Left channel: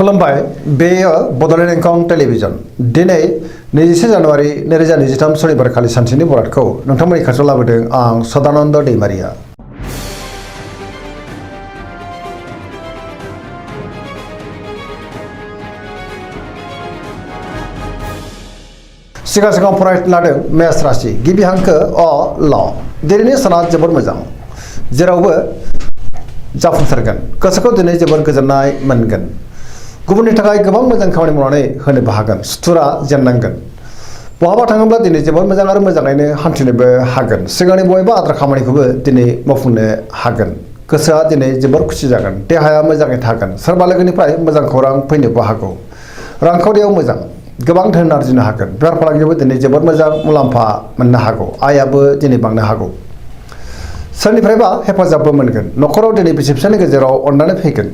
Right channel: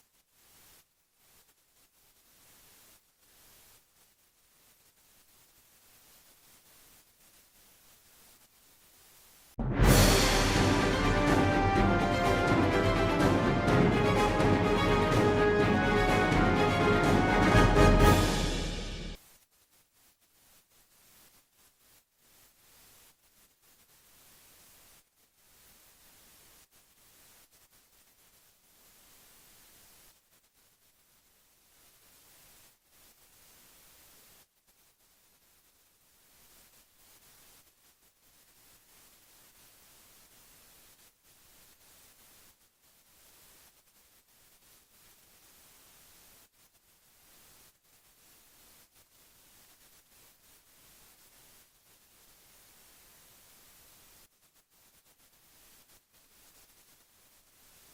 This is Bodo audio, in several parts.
खुलुमबाय बेयो बड'लेण्ड इंखं टेलिभिजन दिनै 21 जानुवारि 2023 सनिबारखालि सानसेनि बरादखौ नोंथांमोननि खाथियाव लाबोदों आं सदानन्द दैमारिया। सिगां फरायनो लादों मेष राशि गिबि हांखो अ ल दिनैनि साना जोबोद मोजां जेरावबो जाफुंसारगोन गोसोखौ दिनै जोबोद गोजोननाय मोनगोन गुबुननि थाखाय गोबां मोजां खामानि मावनानै होनोबो हागोन सुथुरा जेननांगोन बहाबा थाङोब्ला दिनै जोबोद मोजां आरो मोजाङैनो हान्थिनोबो हागोन सिगांनि बबेबा आद्रा खामानिखौबो दिनै मावफुंनो हागोन गोसोआ दिनै जोबोद खुसि जागोन देहाया मोजाङै थागोन सोरबा लोगोनिफ्राय मोजां खौरां फैनोबो हागौ रांखावरियाव मोजां गोबां धोन आरजिनो हागोन बेफार फालांगियावबो दिनै जोबोद मोजां मुलाम्फा मोननो हागौ आयाबो दिनै बांनो हागौ सोरनिफ्रायबा हेफाजाबबो मोनगोन न'खराव दिनै बिसि फिसायनि गेजेराव अननानै फैगोन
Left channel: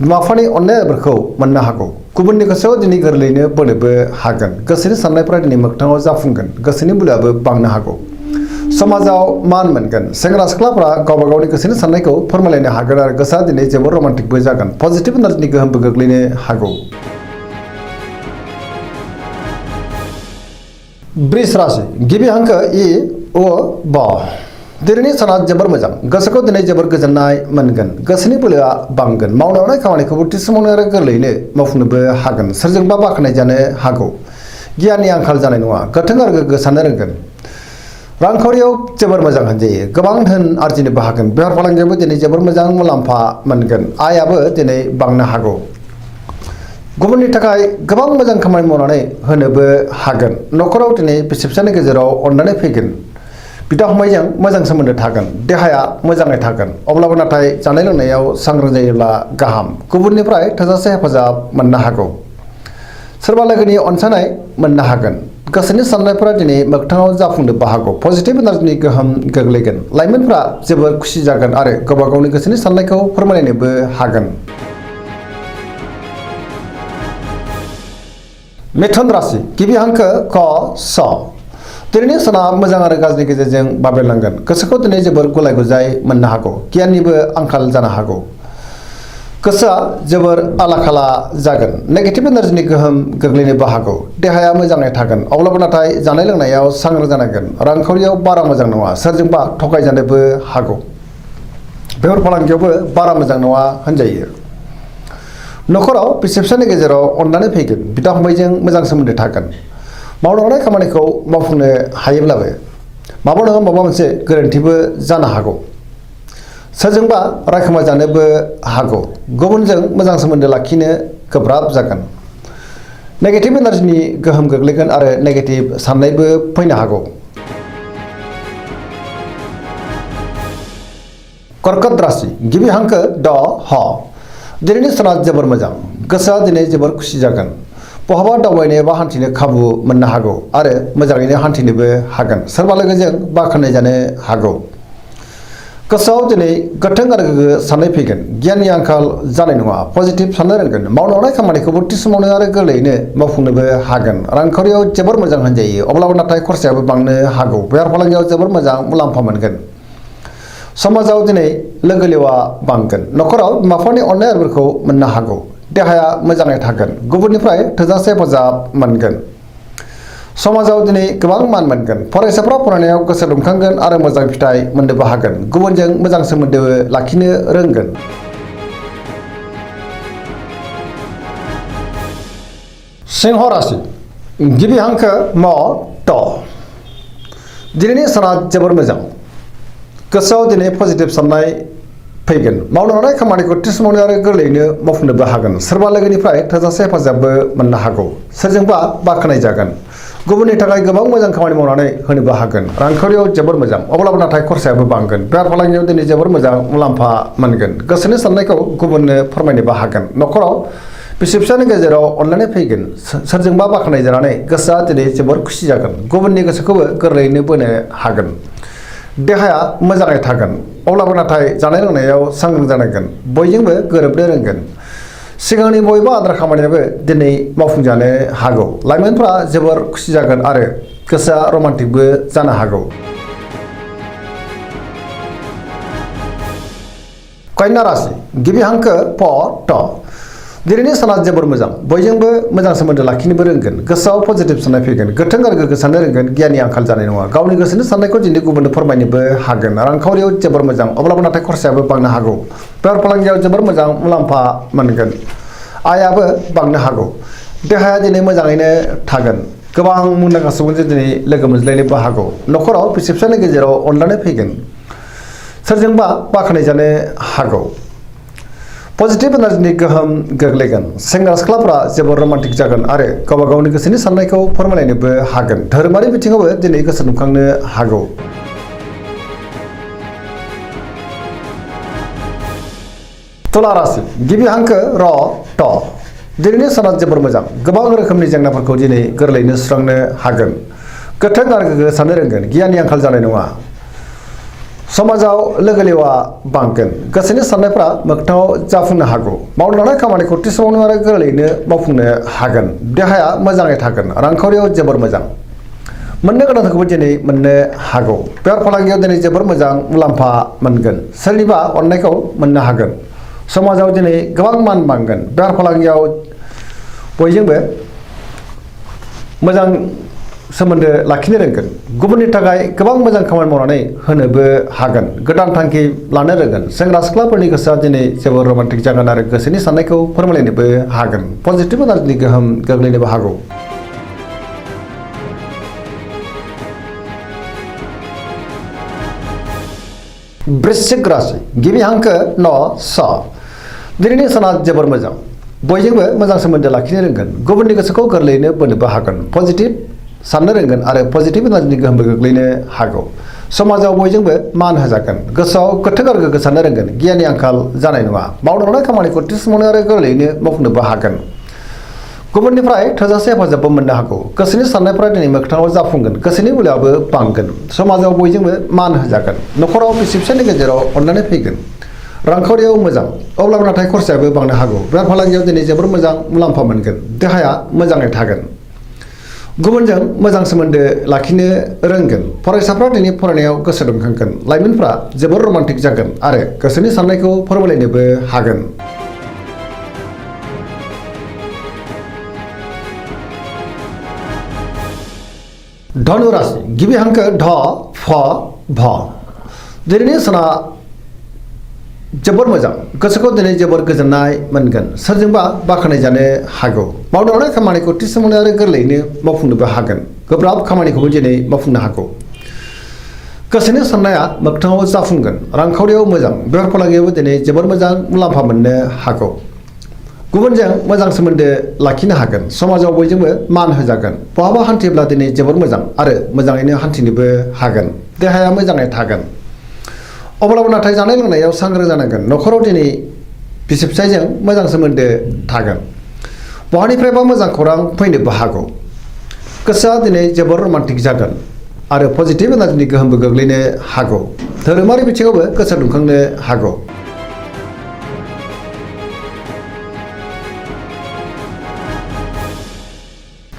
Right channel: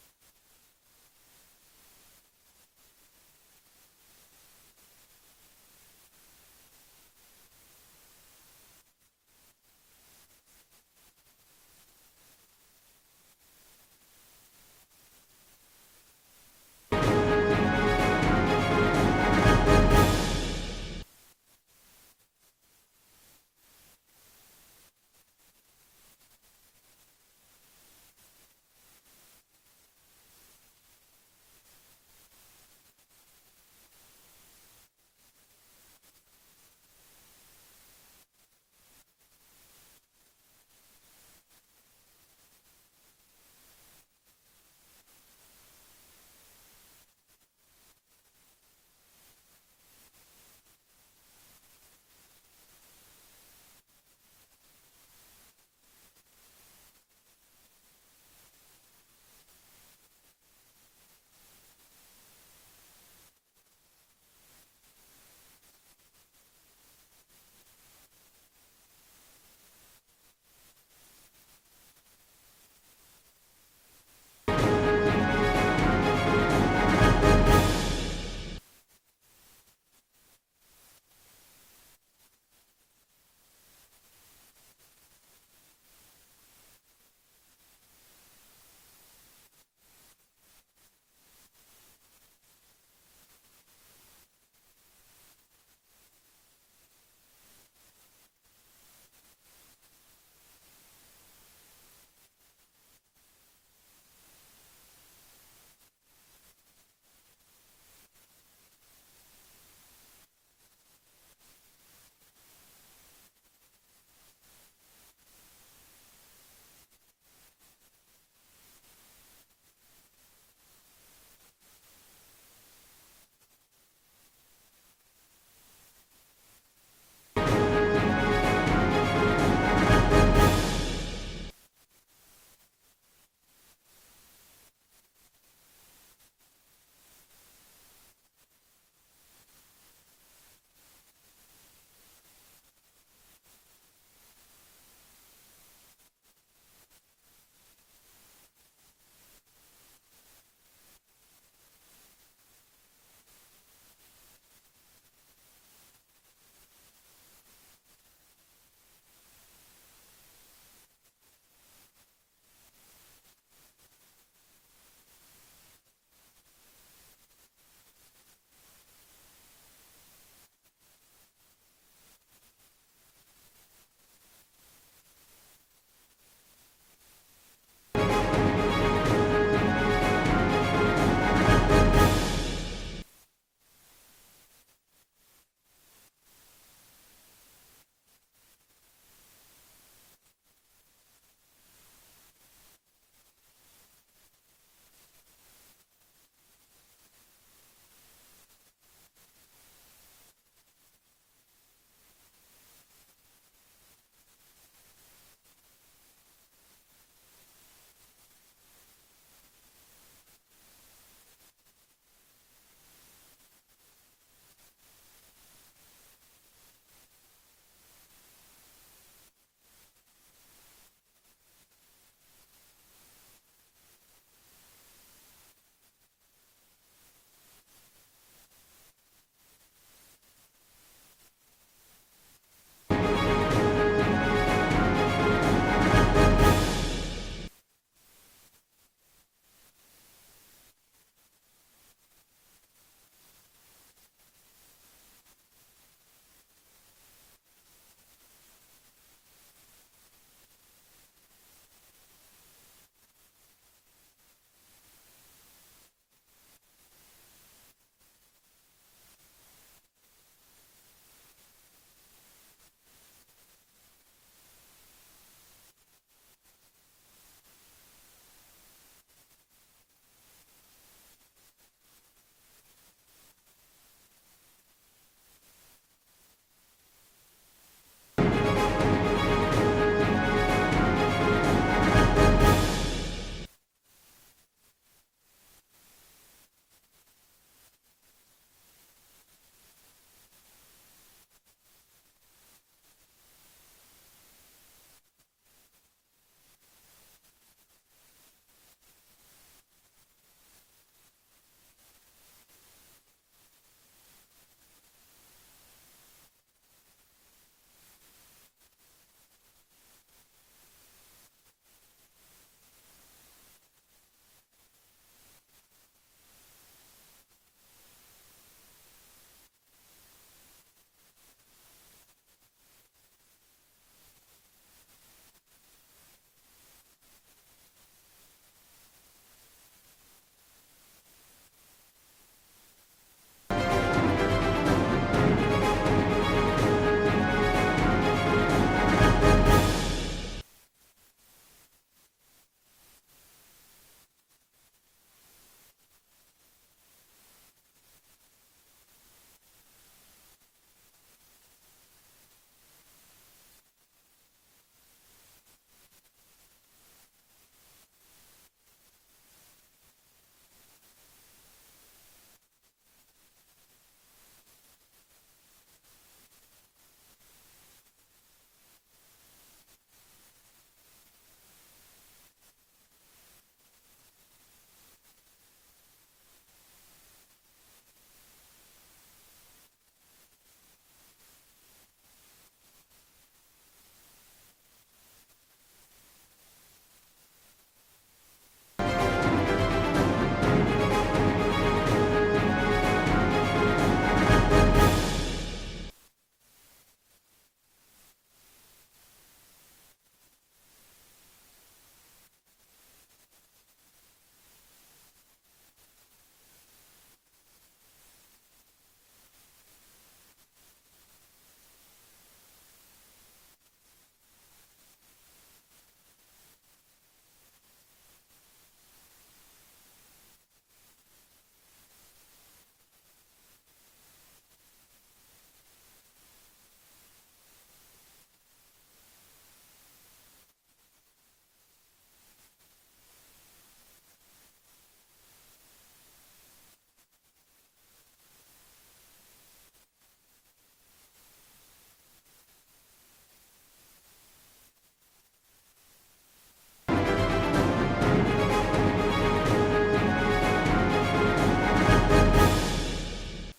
बिमा बिफानि अननायफोरखौ मोननो हागौ गुबुननि गोसोआव दिनै गोरलैयैनो बोनोबो हागोन गोसोनि साननायफोरा दिनै मोगथाङाव जाफुंगोन गोसोनि बोलोआबो बांनो हागौ समाजाव मान मोनगोन सेंग्रा सिख्लाफोरा गावबा गावनि गोसोनि साननायखौ फोरमायलायनो हागोन आरो गोसोआ दिनै जोबोद रमान्टिकबो जागोन पजिटिभ एनार्जिनि गोहोमबो गोग्लैनो हागौ। वृष राशि गिबि हांखो इ अ ब दिनैनि साना जोबोर मोजां गोसोखौ दिनै जोबोर गोजोननाय मोनगोन गोसोनि बोलोआ बांगोन मावनो हानाय खामानिखौबो थि समावनो आरो गोरलैयैनो मावफुंनोबो हागोन सोरजोंबा बाख्नाय जानो हागौ गियाननि आंखाल जानाय नङा गोथों आरो गोग्गो साननो रोंगोन रांखावरियाव जोबोर मोजां होनजायो गोबां धोन आरजिनोबो हागोन बेफार फालांगियावबो दिनै जोबोर मोजां मुलाम्फा मोनगोन आयाबो दिनै बांनो हागौ गुबुननि थाखाय गोबां मोजां खामानि मावनानै होनोबो हागोन न'खराव दिनै बिसि फिसायनि गेजेराव अननानै फैगोन बिदा फंबायजों मोजां सोमोन्दो थागोन देहाया मोजाङै थागोन अब्लाबो नाथाय जानाय लोंनायाव सांग्रां जायोब्ला गाहाम गुबुननिफ्राय थोजासे हेफाजाब मोननो हागौ सोरबा लोगोनि अनसायनाय मोननो हागोन गोसोनि साननायफोरा दिनै मोगथाङाव जाफुंनोबो हागौ पजिटिभ एनार्जिनि गोहोम गोग्लैगोन लाइमोनफ्रा जोबोर खुसि जागोन आरो गावबा गावनि गोसोनि साननायखौ फोरमायलायनोबो हागोन। मिथुन राशि गिबि हांखो क स दिनैनि साना मोजां आरो गाज्रिनि गेजेरजों बाबेरलांगोन गोसोखौ दिनै जोबोर गुलाय गुजाय मोननो हागौ गियाननिबो आंखाल जानो हागौ गोसोआ जोबोर आला खाला जागोन नेगेटिभ एनार्जिनि गोहोम गोग्लैनोबो हागौ देहाया मोजाङै थागोन अब्लाबो नाथाय जानाय लोंनायाव सांग्रां जानांगोन रांखावरियाव बारा मोजां नङा सोरजोंबा थगायजानोबो हागौ बेफार फालांगियावबो बारा मोजां नङा होनजायो न'खराव बिसि फिसायनि गेजेराव अननानै फैगोन बिदा फंबायजों मोजां सोमोन्दो थागोन मावनो हानाय खामानिखौ मावफुंनो हायोब्लाबो माबा नङा माबा मोनसे गोरोन्थिबो जानो हागौ सोरजोंबा रायखोमा जानोबो हागौ गुबुनजों मोजां सोमोन्दो लाखिनो गोब्राब जागोन नेगेटिभ एनार्जिनि गोहोम गोग्लैगोन आरो नेगेटिभ साननायबो फैनो हागौ। कर्कट राशि गिबि हांखो ड ह दिनैनि साना जोबोर मोजां गोसोआ दिनै जोबोर खुसि जागोन बहाबा दावबायनो एबा हान्थिनो खाबु मोननो हागौ आरो मोजाङैनो हान्थिनोबो हागोन सोरबा लोगोजों बाख्नाय जानो हागौ गोसोआव दिनै गोथों आरो गोग्गो साननाय फैगोन गियाननि आंखाल जानाय नङा पजिटिभ साननो रोंगोन मावनो हानाय खामानिखौबो थि समावनो आरो गोरलैयैनो मावफुंनोबो हागोन रांखावरियाव जोबोर मोजां होनजायो अब्लाबो नाथाय खरसायाबो बांनो हागौ बेफार फालांगियाव जोबोर मोजां मुलाम्फा मोनगोन समाजाव दिनै लोगो लेवा बांगोन न'खराव बिमा बिफानि अननायफोरखौ मोननो हागौ देहाया मोजाङै थागोन गुबुननिफ्राय थोजासे हेफाजाब मोनगोन समाजाव दिनै गोबां मान मोनगोन फरायसाफ्रा फरायनायाव गोसो दुंखांगोन आरो मोजां फिथाइ मोननोबो हागोन गुबुनजों मोजां सोमोन्दो लाखिनो रोंगोन। सिंह राशि गिबि हांखो म ट दिनैनि साना जोबोर मोजां गोसोआव दिनै पजिटिभ साननाय फैगोन मावनो हानाय खामानिखौ थि समावनो आरो गोरलैयैनो मावफुंनोबो हागोन सोरबा लोगोनिफ्राय थोजासे हेफाजाबबो मोननो हागौ सोरजोंबा बाख्नाय जागोन गुबुननि थाखाय गोबां मोजां खामानि मावनानै होनोबो हागोन रांखावरियाव जोबोर मोजां अब्लाबो नाथाय खरसायाबो बांगोन बेफार फालांगियाव दिनै जोबोर मोजां मुलाम्फा मोनगोन गोसोनि साननायखौ गुबुननो फोरमायनोबो हागोन न'खराव बिसि फिसायनि गेजेराव अननानै फैगोन सोरजोंबा बाख्नाय जानानै गोसोआ दिनै जोबोर खुसि जागोन गुबुननि गोसोखौबो गोरलैयैनो बोनो हागोन देहाया मोजाङै थागोन अब्लाबो नाथाय जानाय लोंनायाव सांग्रां जानांगोन बयजोंबो गोरोबनो रोंगोन सिगांनि बबेबा आद्रा खामानियाबो दिनै मावफुंजानो हागौ लाइमोनफ्रा जोबोर खुसि जागोन आरो गोसोआ रमान्टिकबो जानो हागौ। कन्या राशि गिबि हांखो प ट दिनैनि साना जोबोर मोजां बयजोंबो मोजां सोमोन्दो लाखिनोबो रोंगोन गोसोआव पजिटिभ साननाय फैगोन गोथों आरो गोग्गो साननो रोंगोन गियाननि आंखाल जानाय नङा गावनि गोसोनि साननायखौ दिनै गुबुननो फोरमायनोबो हागोन रांखावरियाव जोबोर मोजां अब्लाबो नाथाय खरसायाबो बांनो हागौ बेफार फालांगियाव जोबोर मोजां मुलाम्फा मोनगोन आयाबो बांनो हागौ देहाया दिनै मोजाङैनो थागोन गोबां मुंदांखा सुबुंजों दिनै लोगो मोनज्लायनोबो हागौ न'खराव बिसि फिसायनि गेजेराव अनलायनाय फैगोन सोरजोंबा बाख्नायजानो हागौ पजिटिभ एनार्जिनि गोहोम गोग्लैगोन सेंग्रा सिख्लाफोरा जोबोर रमान्टिक जागोन आरो गावबा गावनि गोसोनि साननायखौ फोरमायलायनोबो हागोन धोरोमारि बिथिङावबो दिनै गोसो दुंखांनो हागौ तुला राशि गिबि हांखो र ट दिनैनि साना जोबोर मोजां गोबां रोखोमनि जेंनाफोरखौ दिनै गोरलैयैनो सुस्रांनो हागोन गोथों आरो गोग्गो साननो रोंगोन गियाननि आंखाल जानाय नङा समाजाव लोगो लेवा बांगोन गोसोनि साननायफ्रा मोगथाङाव जाफुंनो हागौ मावनो लानाय खामानिखौ थि समावनो आरो गोरलैयैनो मावफुंनो हागोन देहाया मोजाङै थागोन रांखावरियाव जोबोर मोजां मोननो गोनांखौबो दिनै मोननो हागौ बेफार फालांगियाव दिनै जोबोर मोजां मुलाम्फा मोनगोन सोरनिबा अननायखौ मोननो हागोन समाजाव दिनै गोबां मान बांगोन बेफार फालांगियाव बयजोंबो मोजां सोमोन्दो लाखिनो रोंगोन गुबुननि थाखाय गोबां मोजां खामानि मावनानै होनोबो हागोन गोदान थांखि लानो रोंगोन सेंग्रा सिख्लाफोरनि गोसोआ दिनै जोबोर रमान्टिक जागोन आरो गोसोनि साननायखौ फोरमायलायनोबो हागोन पजिटिभ एनार्जिनि गोहोम गोग्लैनोबो हागौ वृश्चिक राशि गिबि हांखो न स दिनैनि साना जोबोर मोजां बयजोंबो मोजां सोमोन्दो लाखिनो रोंगोन गुबुननि गोसोखौ गोरलैयैनो बोनोबो हागोन पजिटिभ साननो रोंगोन आरो पजिटिभ एनार्जिनि गोहोमबो गोग्लैनो हागौ समाजाव बयजोंबो मान होजागोन गोसोआव गोथों आरो गोग्गो साननो रोंगोन गियाननि आंखाल जानाय नङा मावनो लानाय खामानिखौ थि समावनो आरो गोरलैयैनो मावफुंनोबो हागोन गुबुननिफ्राय थोजासे हेफाजाबबो मोननो हागौ गोसोनि साननायफ्रा दिनै मोगथाङाव जाफुंगोन गोसोनि बोलोआबो बांगोन समाजाव बयजोंबो मान होजागोन न'खराव बिसि फिसायनि गेजेराव अनलायनाय फैगोन रांखावरियाव मोजां अब्लाबो नाथाय खरसायाबो बांनो हागौ बेफार फालांगियाव दिनै जोबोर मोजां मुलाम्फा मोनगोन देहाया मोजाङै थागोन गुबुनजों मोजां सोमोन्दो लाखिनो रोंगोन फरायसाफ्रा दिनै फरायनायाव गोसो दुंखांगोन लाइमोनफ्रा जोबोर रमान्टिक जागोन आरो गोसोनि साननायखौ फोरमायलायनोबो हागोन धनु राशि गिबि हांखो ढ फ भ दिनैनि साना जोबोर मोजां गोसोखौ दिनै जोबोर गोजोननाय मोनगोन सोरजोंबा बाख्नाय जानो हागौ मावनो लानाय खामानिखौ थि समावनो आरो गोरलैयैनो मावफुंनोबो हागोन गोब्राब खामानिखौबो दिनै मावफुंनो हागौ गोसोनि साननाया मोगथाङाव जाफुंगोन रांखावरियाव मोजां बेफार फालांगियावबो दिनै जोबोर मोजां मुलाम्फा मोननो हागौ गुबुनजों मोजां सोमोन्दो लाखिनो हागोन समाजाव बयजोंबो मान होजागोन बहाबा हान्थिब्ला दिनै जोबोर मोजां आरो मोजाङैनो हान्थिनोबो हागोन देहाया मोजाङै थागोन अब्लाबो नाथाय जानाय लोंनायाव सांग्रां जानांगोन न'खराव दिनै बिसि फिसायजों मोजां सोमोन्दो थागोन बहानिफ्रायबा मोजां खौरां फैनोबो हागौ गोसोआ दिनै जोबोर रमान्टिक जागोन आरो पजिटिभ एनार्जिनि गोहोमबो गोग्लैनो हागौ धोरोमारि बिथिङावबो गोसो दुंखांनो हागौ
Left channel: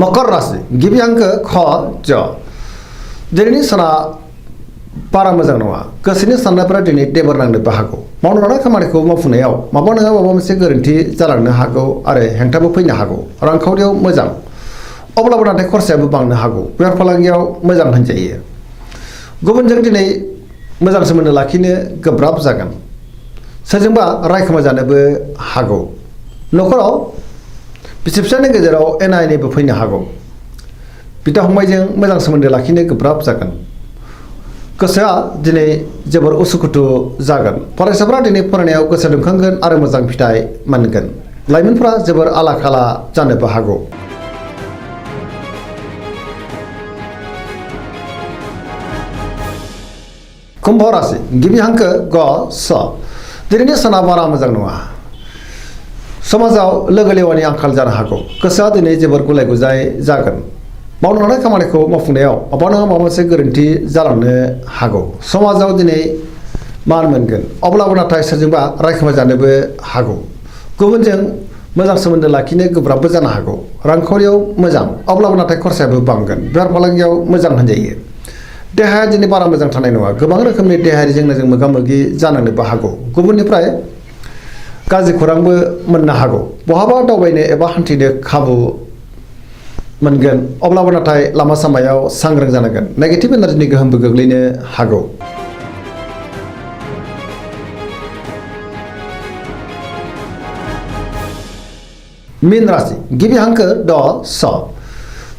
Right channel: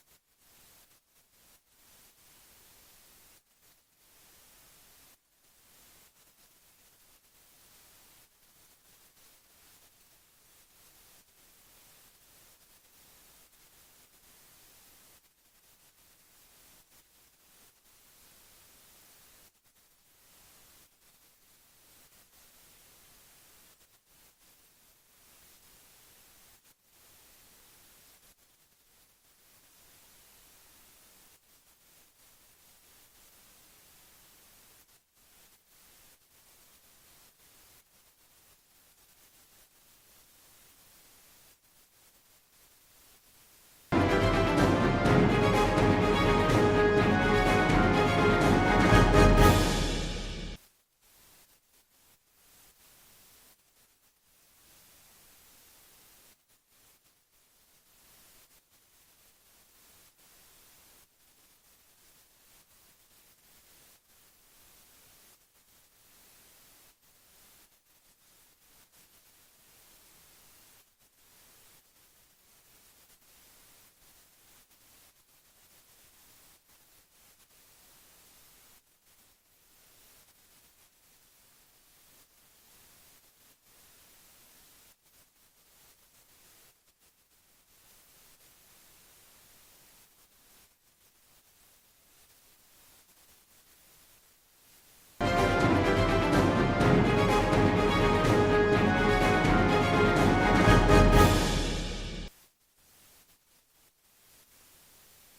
मकर राशि गिबि हांखो ख ज दिनैनि साना बारा मोजां नङा गोसोनि साननायफोरा दिनै देबर नांनोबो हागौ मावनो लानाय खामानिखौ मावफुंनायाव माबा नङा माबा मोनसे गोरोन्थि जालांनो हागौ आरो हेंथाबो फैनो हागौ रांखावरियाव मोजां अब्लाबो नाथाय खरसायाबो बांनो हागौ बेफार फालांगियाव मोजां होनजायो गुबुनजों दिनै मोजां सोमोन्दो लाखिनो गोब्राब जागोन सोरजोंबा रायखोमा जानोबो हागौ न'खराव बिसि फिसायनि गेजेराव एना एनिबो फैनो हागौ बिदा फंबायजों मोजां सोमोन्दो लाखिनो गोब्राब जागोन गोसोआ दिनै जोबोर उसुखुथु जागोन फरायसाफ्रा दिनै फरायनायाव गोसो दुंखांगोन आरो मोजां फिथाइ मोनगोन लाइमोनफ्रा जोबोर आला खाला जानोबो हागौ कुम्भ राशि गिबि हांखो ग स दिनैनि साना बारा मोजां नङा समाजाव लोगो लेवानि आंखाल जानो हागौ गोसोआ दिनै जोबोर गुलाय गुजाय जागोन मावनो लानाय खामानिखौ मावफुंनायाव माबा नङा माबा मोनसे गोरोन्थि जालांनो हागौ समाजाव दिनै मान मोनगोन अब्लाबो नाथाय सोरजोंबा रायखोमा जानोबो हागौ गुबुनजों मोजां सोमोन्दो लाखिनो गोब्राबबो जानो हागौ रांखावरियाव मोजां अब्लाबो नाथाय खरसायाबो बांगोन बेफार फालांगियाव मोजां होनजायो देहाया दिनै बारा मोजां थानाय नङा गोबां रोखोमनि देहायारि जेंनाजों मोगा मोगि जानांनोबो हागौ गुबुननिफ्राय गाज्रि खौरांबो मोननो हागौ। बहाबा दावबायनो एबा हान्थिनो खाबु मोनगोन, अब्लाबो नाथाय लामा सामायाव सांग्रां जानांगोन। नेगेटिभ एनार्जिनि गोहोमबो गोग्लैनो हागौ। मीन राशि गिबि हांखो ड स।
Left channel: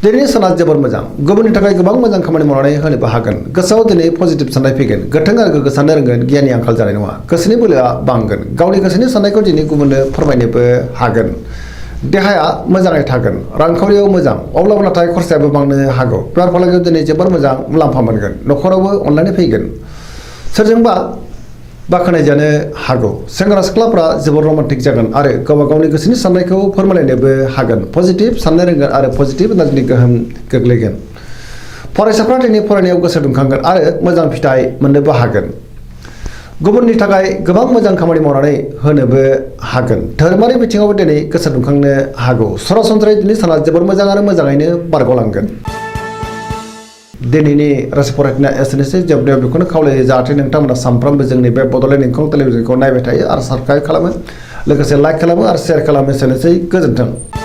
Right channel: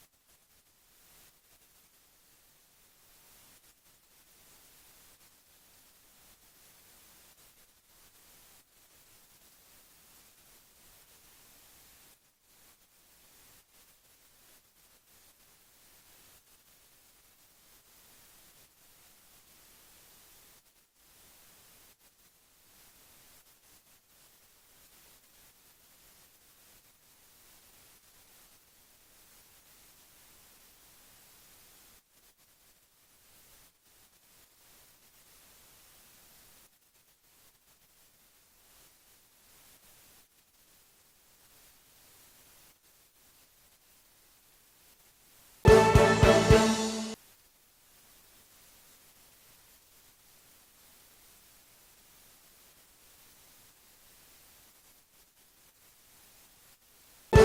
दिनैनि साना जोबोर मोजां। गुबुननि थाखाय गोबां मोजां खामानि मावनानै होनोबो हागोन। गोसोआव दिनै पजिटिभ साननाय फैगोन। गोथों आरो गोग्गो साननो रोंगोन। गियाननि आंखाल जानाय नङा। गोसोनि बोलोआ बांगोन। गावनि गोसोनि साननायखौ दिनै गुबुननो फोरमायनोबो हागोन। देहाया मोजाङै थागोन। रांखावरियाव मोजां, अब्लाबो नाथाय खरसायाबो बांनो हागौ। बेफार फालांगियाव दिनै जोबोर मोजां मुलाम्फा मोनगोन। न'खरावबो अनलायनाय फैगोन। सोरजोंबा बाख्नायजानो हागौ। सेंग्रा सिख्लाफ्रा जोबोर रमान्टिक जागोन आरो गावबा गावनि गोसोनि साननायखौ फोरमायलायनोबो हागोन। पजिटिभ साननो रोंगोन आरो पजिटिभ एनार्जिनि गोहोम गोग्लैगोन। फरायसाफ्रा दिनै फरायनायाव गोसो दुंखांगोन आरो मोजां फिथाइ मोननोबो हागोन। गुबुननि थाखाय गोबां मोजां खामानि मावनानै होनोबो हागोन। धोरोमारि बिथिङावबो दिनै गोसो दुंखांनो हागौ। सरासनस्रायै दिनै साना जोबोर मोजां आरो मोजाङैनो बारग'लांगोन। दिनैनि राशि फरायनाया एसेनोसै। जोबनायाव बेखौनो खावलायो जाहाथे नोंथांमोना सानफ्रोमबो जोंनि बे बड'लेण्ड इंखं टेलिभिजनखौ नायबाय थायो आरो साबस्क्राइब खालामो, लोगोसे लाइक खालामो आरो शेयार खालामो। एसेनोसै, गोजोन्थों।